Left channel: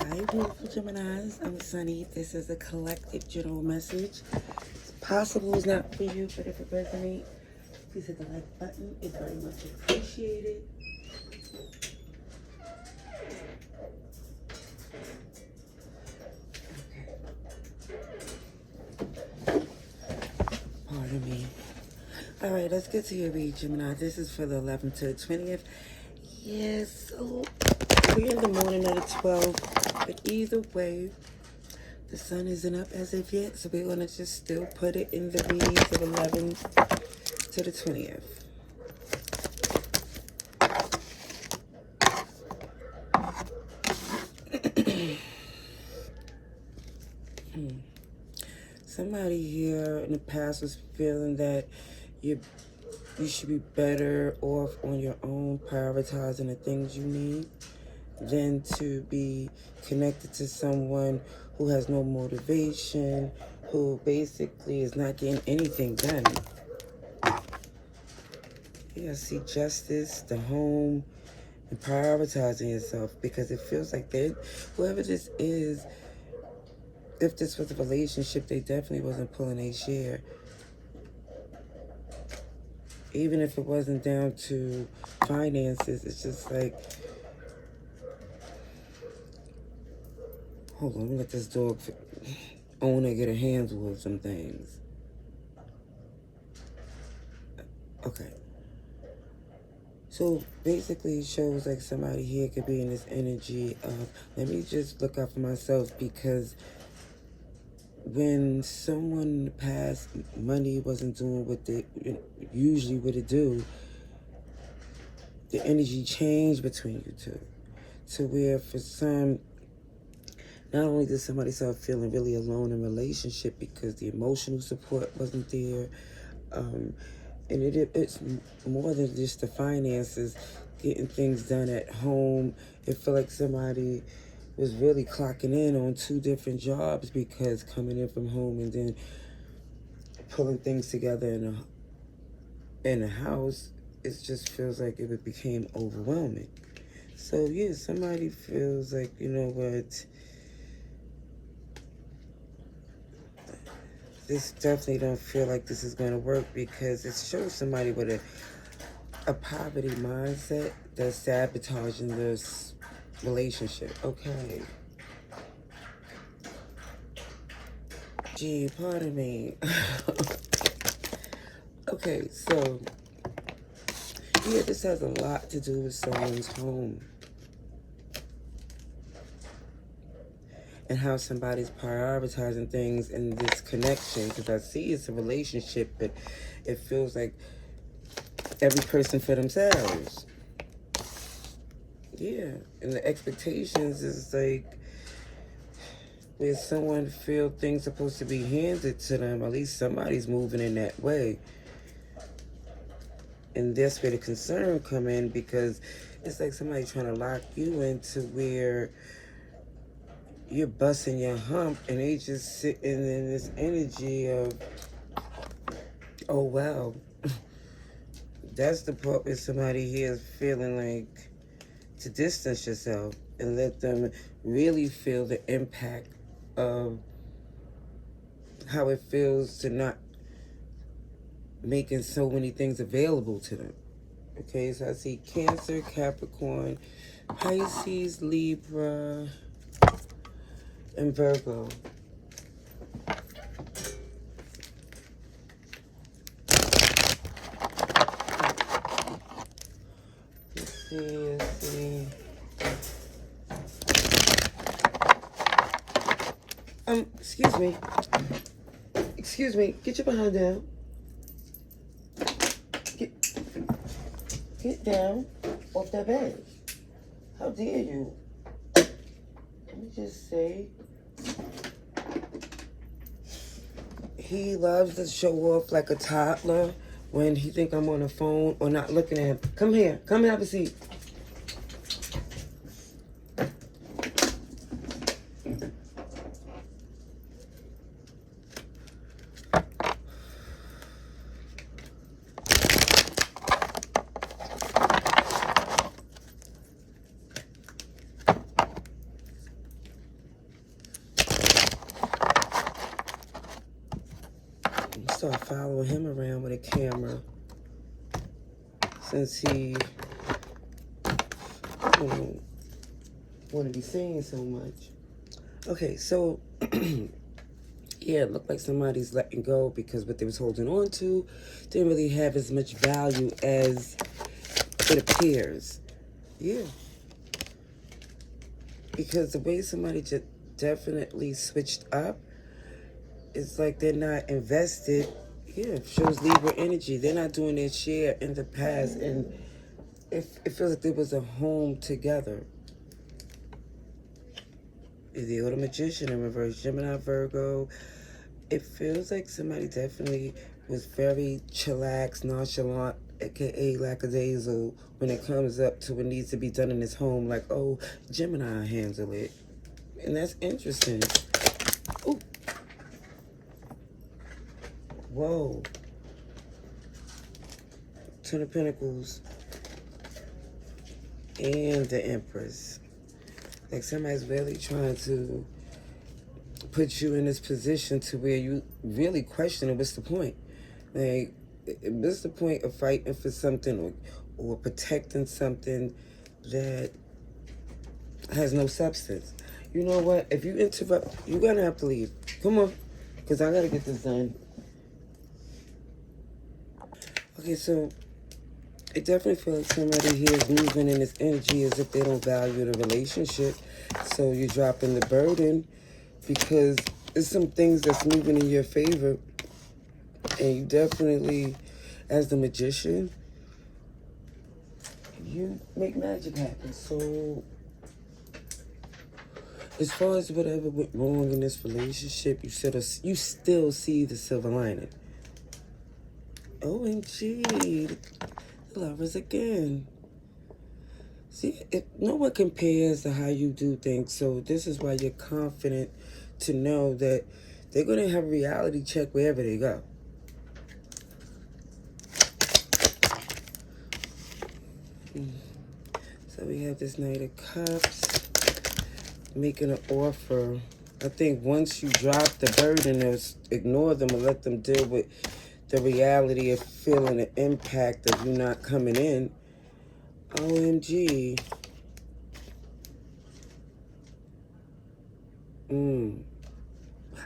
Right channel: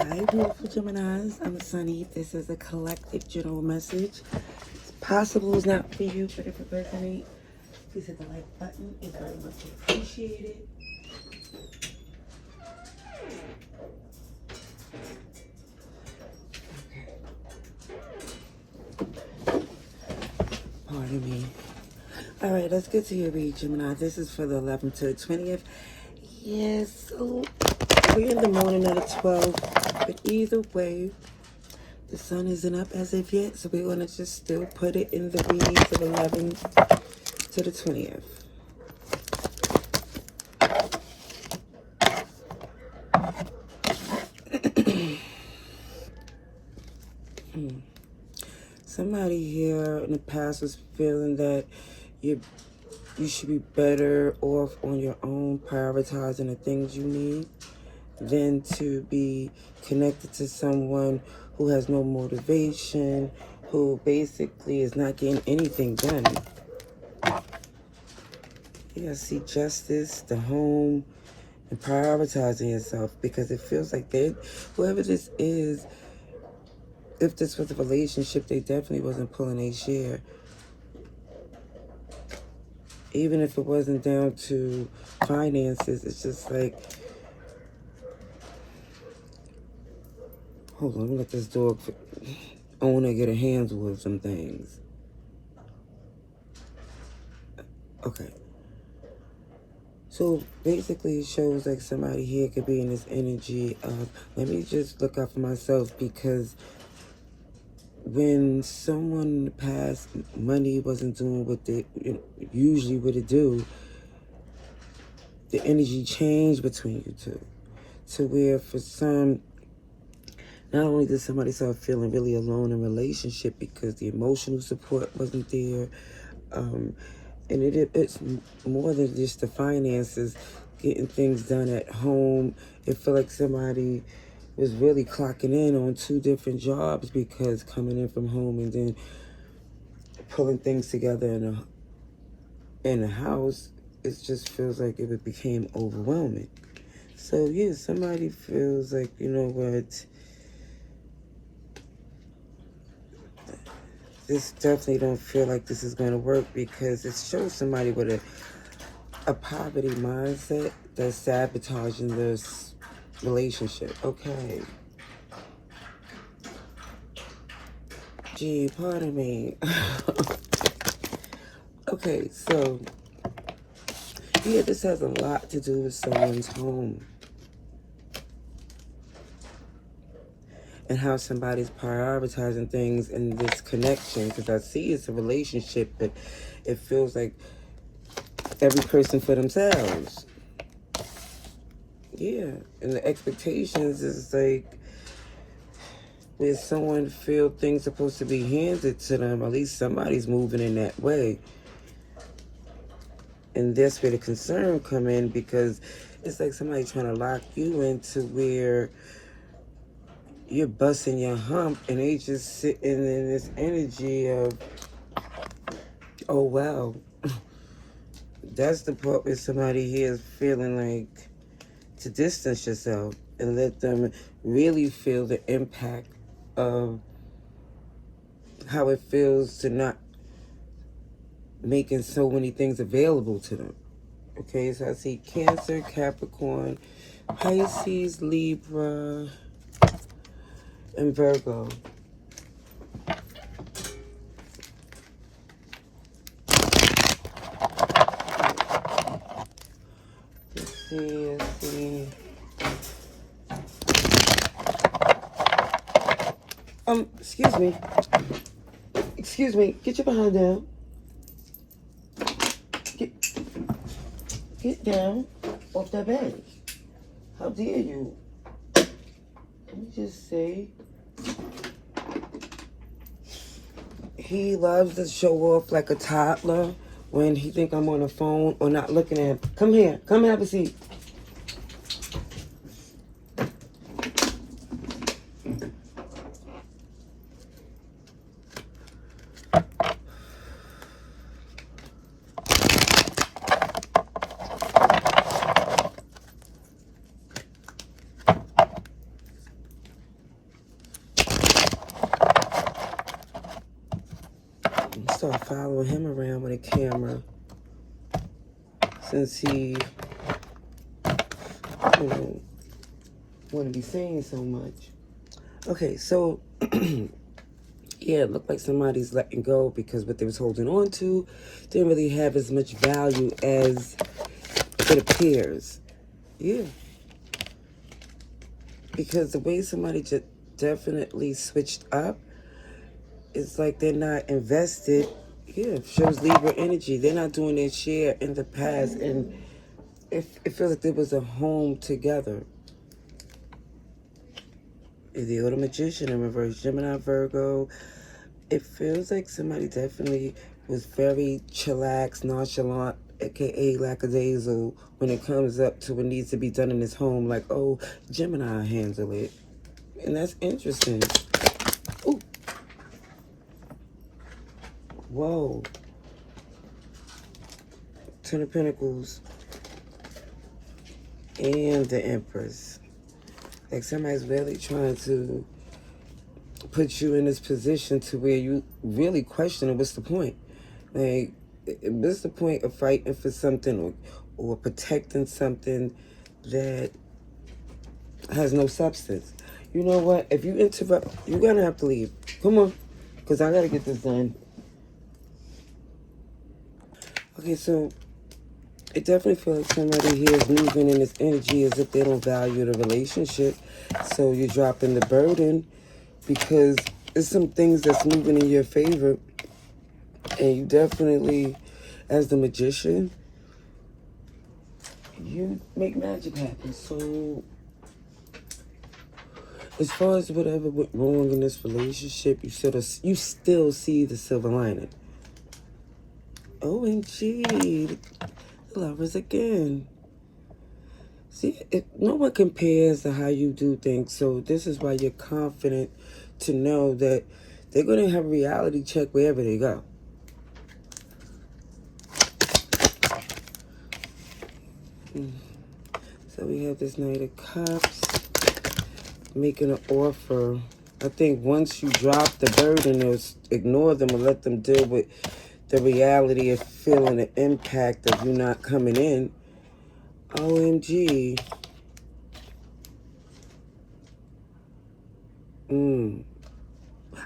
Hi, beautiful Geminis. I'm Sunny. This is a collective general message. It's possible it's not for you, but if it resonates, please hit the like button. It's very much appreciated. Pardon me. All right, let's get to your read, Gemini. This is for the 11th to the 20th. Yes, so we're in the morning of the 12th, but either way, the sun isn't up as of yet, so we're going to just still put it in the read for the 11th to the 20th. Somebody here in the past was feeling that you should be better off on your own, prioritizing the things you need, than to be connected to someone who has no motivation, who basically is not getting anything done. You gotta see justice, the home, and prioritizing yourself, because it feels like whoever this is, if this was a relationship, they definitely wasn't pulling their share. Even if it wasn't down to finances, it's just like, hold on, let me let this dog owner get a handle of some things. Okay. So basically it shows like somebody here could be in this energy of, let me just look out for myself, because when someone in the past, money wasn't doing what they usually would it do, the energy changed between you two. To where for some, not only did somebody start feeling really alone in relationship because the emotional support wasn't there, and it's more than just the finances, getting things done at home. It felt like somebody was really clocking in on two different jobs, because coming in from home and then pulling things together in a house, it just feels like it became overwhelming. So yeah, somebody feels like, you know what, this definitely don't feel like this is going to work, because it shows somebody with a poverty mindset that's sabotaging this relationship. Okay. Gee, pardon me. Okay, so yeah, this has a lot to do with someone's home and how somebody's prioritizing things in this connection. Because I see it's a relationship, but it feels like every person for themselves. Yeah, and the expectations is like, where someone feel things supposed to be handed to them, at least somebody's moving in that way. And that's where the concern come in, because it's like somebody trying to lock you into where you're busting your hump, and they just sitting in this energy of, oh wow. That's the part where somebody here is feeling like to distance yourself and let them really feel the impact of how it feels to not making so many things available to them. Okay, so I see Cancer, Capricorn, Pisces, Libra, and Virgo. Let's see. Excuse me, get your behind down. Get down off that bed. How dare you? Let me just say, he loves to show off like a toddler when he think I'm on the phone or not looking at him. Come here, come and have a seat. start following him around with a camera since he, you know, want to be seen so much. Okay, so yeah, it looked like somebody's letting go because what they was holding on to didn't really have as much value as it appears. Yeah. Because the way somebody just definitely switched up, it's like they're not invested. Yeah, shows Libra energy. They're not doing their share in the past. And it feels like there was a home together. The Older Magician in reverse, Gemini, Virgo. It feels like somebody definitely was very chillax, nonchalant, aka lackadaisical, when it comes up to what needs to be done in this home. Like, oh, Gemini handle it. And that's interesting. Ooh. Whoa. Ten of Pentacles. And the Empress. Like somebody's really trying to put you in this position to where you really question what's the point? Like, what's the point of fighting for something or protecting something that has no substance? You know what? If you interrupt, you're going to have to leave. Come on, because I got to get this done. Okay, so it definitely feels like somebody here is moving in this energy as if they don't value the relationship. So you're dropping the burden because there's some things that's moving in your favor. And you definitely, as the magician, you make magic happen. So as far as whatever went wrong in this relationship, you still see the silver lining. OMG. Lovers again. See, no one compares to how you do things, so this is why you're confident to know that they're going to have a reality check wherever they go. So we have this Knight of Cups making an offer. I think once you drop the burden or ignore them or let them deal with the reality of feeling the impact of you not coming in, OMG.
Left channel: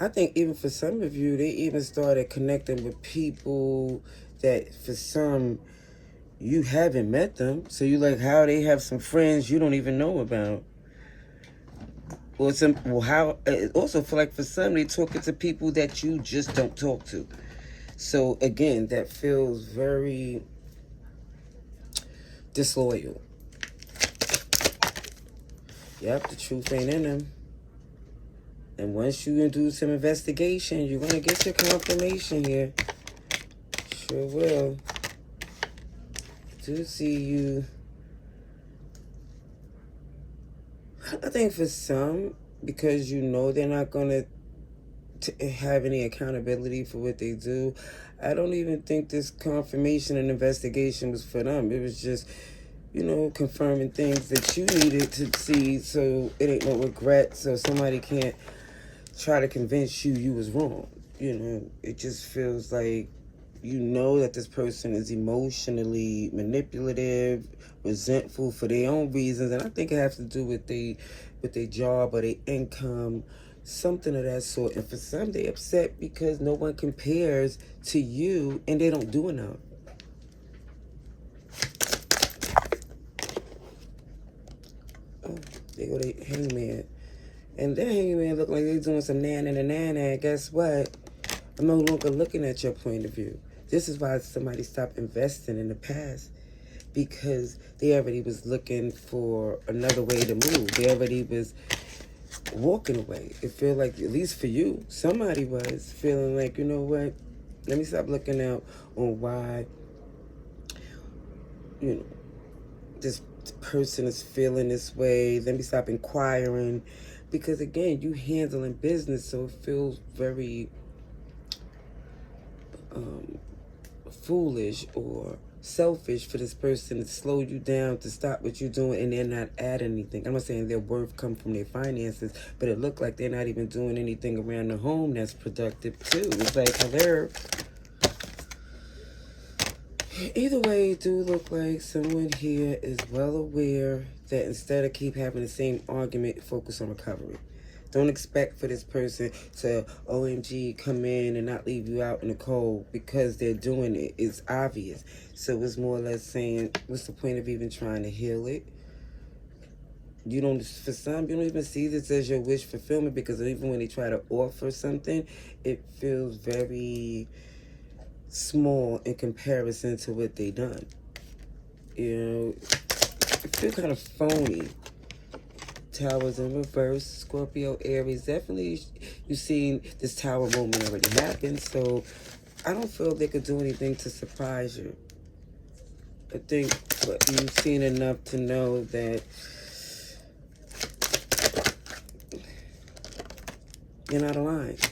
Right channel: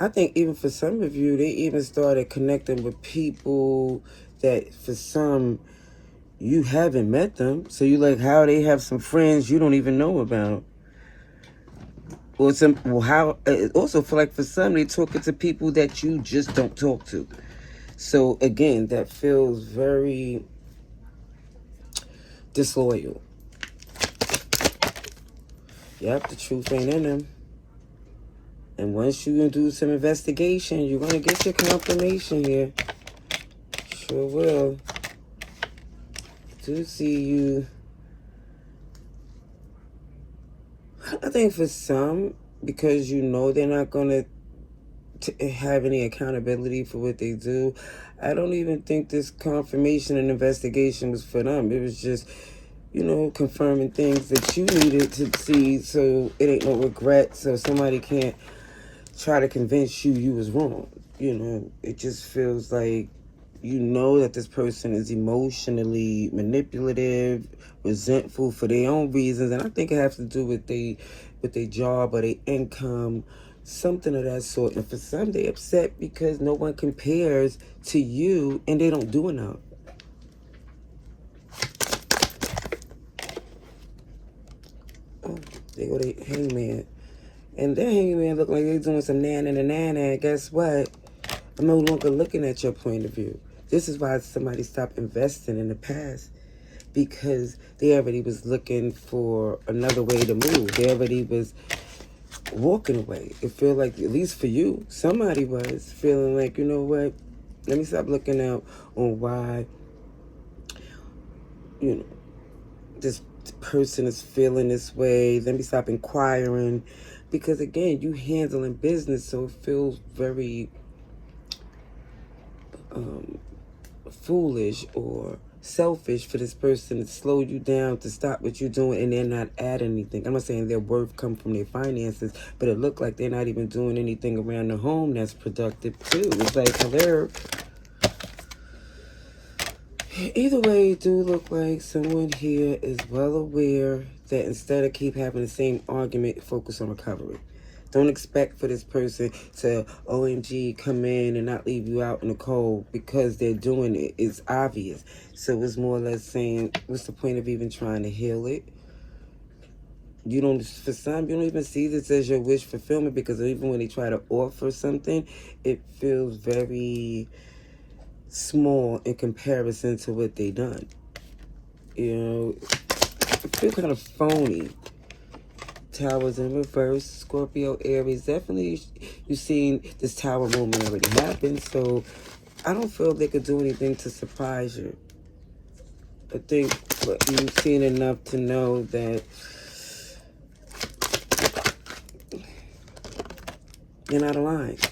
I think even for some of you, they even started connecting with people that for some, you haven't met them. So you like how they have some friends you don't even know about. Or how it also feel like for some, they talking to people that you just don't talk to. So again, that feels very disloyal. Yep, the truth ain't in them. And once you do some investigation, you're going to get your confirmation here. Sure will. Do see you. I think for some, because you know they're not going to have any accountability for what they do, I don't even think this confirmation and investigation was for them. It was just, you know, confirming things that you needed to see, so it ain't no regret, so somebody can't try to convince you was wrong. You know, it just feels like you know that this person is emotionally manipulative, resentful for their own reasons, and I think it has to do with their job or their income, something of that sort. And for some, they upset because no one compares to you and they don't do enough. Oh, they go to Hangman. And that Hangman look like they're doing some nan and a nan, and guess what? I'm no longer looking at your point of view. This is why somebody stopped investing in the past, because they already was looking for another way to move. They already was walking away. It feel like, at least for you, somebody was feeling like, you know what? Let me stop looking out on why, you know, this person is feeling this way. Let me stop inquiring. Because again, you handling business, so it feels very foolish or selfish for this person to slow you down, to stop what you're doing, and they're not adding anything. I'm not saying their worth come from their finances, but it looked like they're not even doing anything around the home that's productive too. It's like, hello, Either way, it do look like someone here is well aware that instead of keep having the same argument, focus on recovery. Don't expect for this person to OMG come in and not leave you out in the cold because they're doing it. It's obvious. So it's more or less saying, what's the point of even trying to heal it? You don't, for some, you don't even see this as your wish fulfillment, because even when they try to offer something, it feels very small in comparison to what they done. You know, it feels kind of phony. Towers in reverse, Scorpio, Aries. Definitely, you've seen this tower moment already happen, so I don't feel they could do anything to surprise you. I think you've seen enough to know that you're not aligned.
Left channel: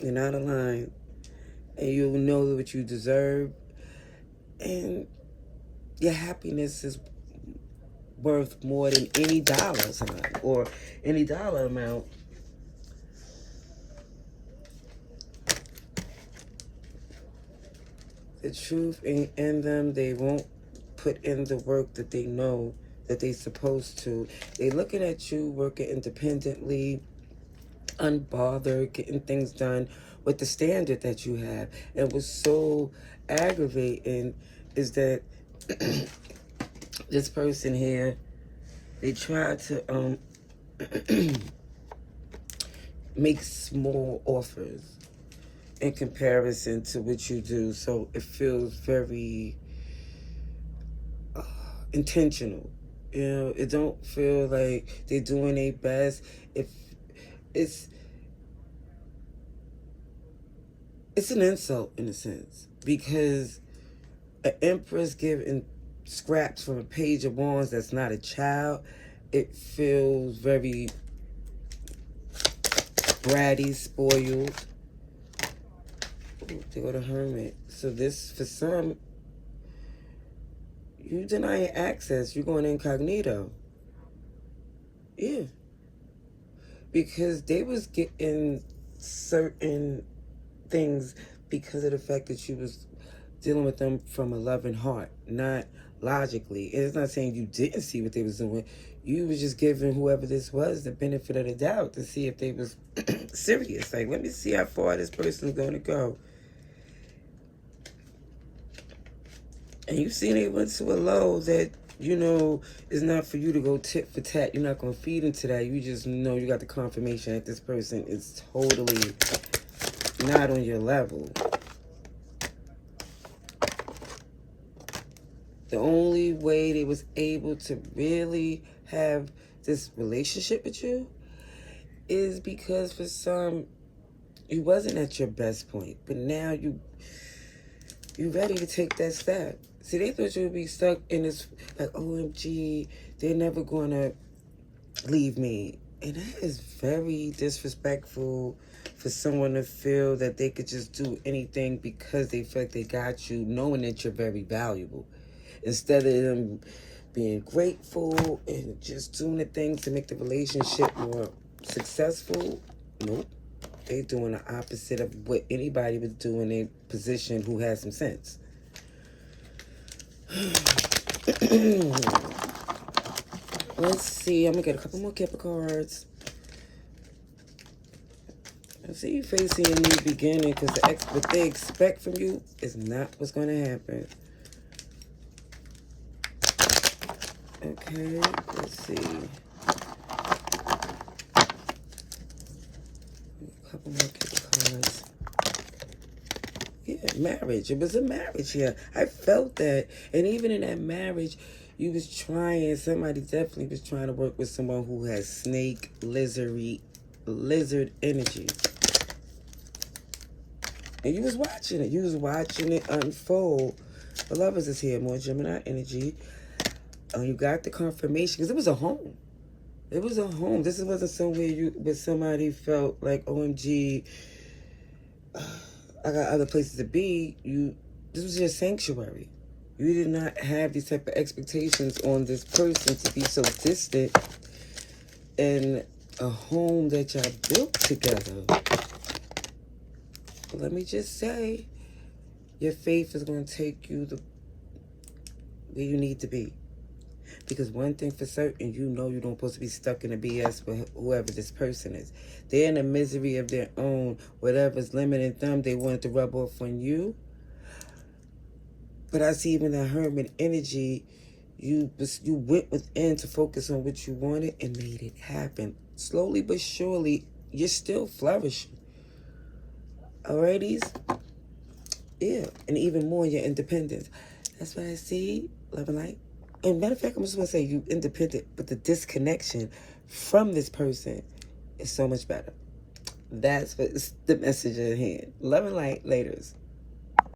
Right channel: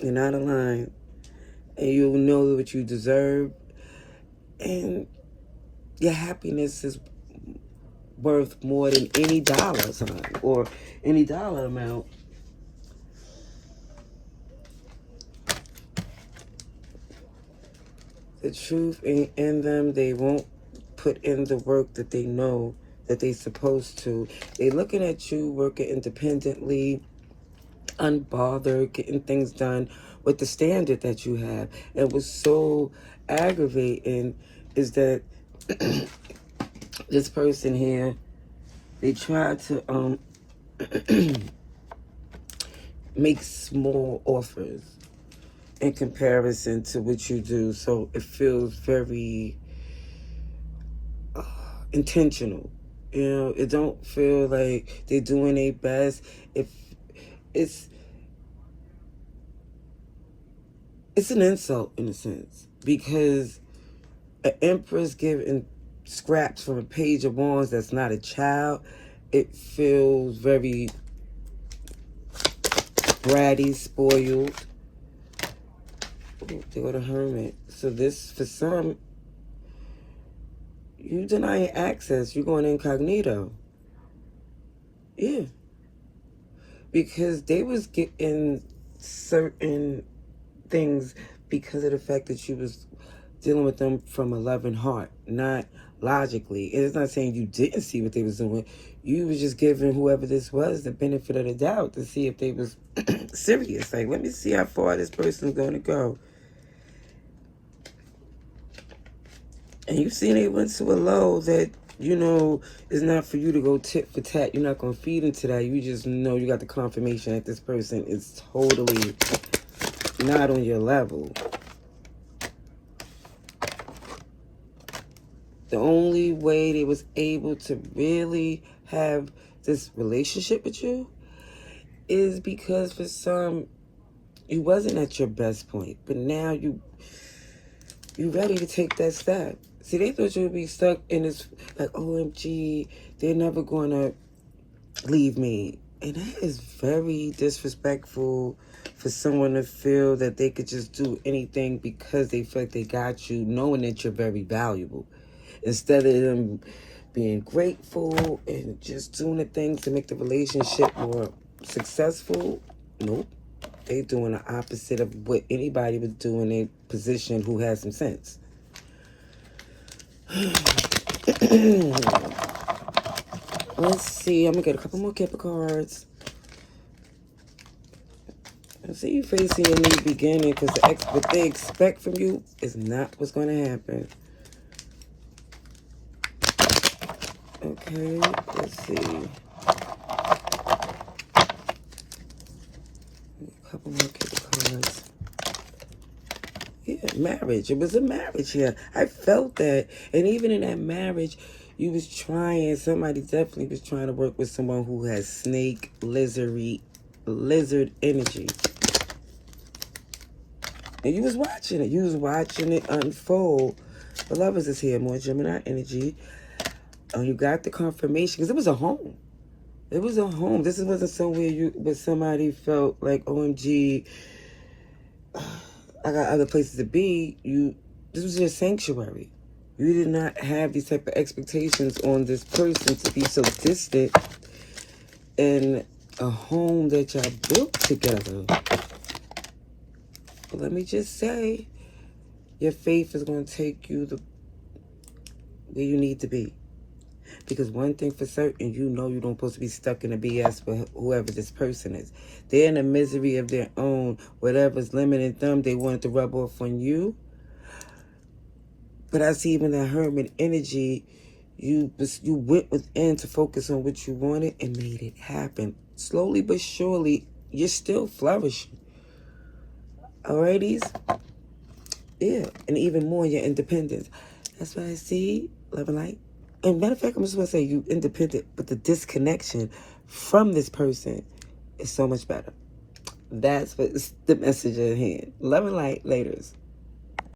You're not aligned. And you'll know what you deserve. And your happiness is worth more than any dollar sign or any dollar amount. The truth ain't in them. They won't put in the work that they know that they're supposed to. They're looking at you working independently, unbothered, getting things done with the standard that you have. And what's so aggravating is that this person here, they try to make small offers in comparison to what you do, so it feels very intentional. You know, it don't feel like they're doing their best. If it's an insult in a sense, because an empress giving scraps from a page of wands that's not a child, it feels very bratty, spoiled. Ooh, they go to Hermit. So this, for some, you denying access. You're going incognito. Yeah. Because they was getting certain things because of the fact that you was dealing with them from a loving heart, not logically. And it's not saying you didn't see what they was doing. You was just giving whoever this was the benefit of the doubt to see if they was serious. Like, let me see how far this person's going to go. And you seen they went to a low that, you know, is not for you to go tit for tat. You're not going to feed into that. You just know you got the confirmation that this person is totally not on your level. The only way they was able to really have this relationship with you is because for some, you wasn't at your best point. But now you ready to take that step. See, they thought you would be stuck in this, like, OMG, they're never going to leave me. And that is very disrespectful for someone to feel that they could just do anything because they feel like they got you, knowing that you're very valuable. Instead of them being grateful and just doing the things to make the relationship more successful, nope. They doing the opposite of what anybody would do in a position who has some sense. Let's see. I'm going to get a couple more Kipper cards. I see you facing a new beginning because what they expect from you is not what's going to happen. Okay, let's see. A couple more Kipper cards. Yeah, marriage. It was a marriage here. I felt that. And even in that marriage, you was trying, somebody definitely was trying to work with someone who has snake, lizard energy. And you was watching it. You was watching it unfold. The lovers is here, more Gemini energy. You got the confirmation, because it was a home. It was a home. This wasn't somewhere but somebody felt like, OMG, I got other places to be. This was your sanctuary. You did not have these type of expectations on this person to be so distant in a home that y'all built together. But let me just say, Your faith is going to take you where you need to be. Because one thing for certain, you know you don't supposed to be stuck in a BS with whoever this person is. They're in a misery of their own. Whatever's limiting them, they want to rub off on you. But I see even the hermit energy, you went within to focus on what you wanted and made it happen. Slowly but surely, you're still flourishing. Alrighties? Yeah, and even more your independence. That's what I see, love and light. And matter of fact, I'm just going to say you independent, but the disconnection from this person is so much better. That's the message at hand. Love and light, laters.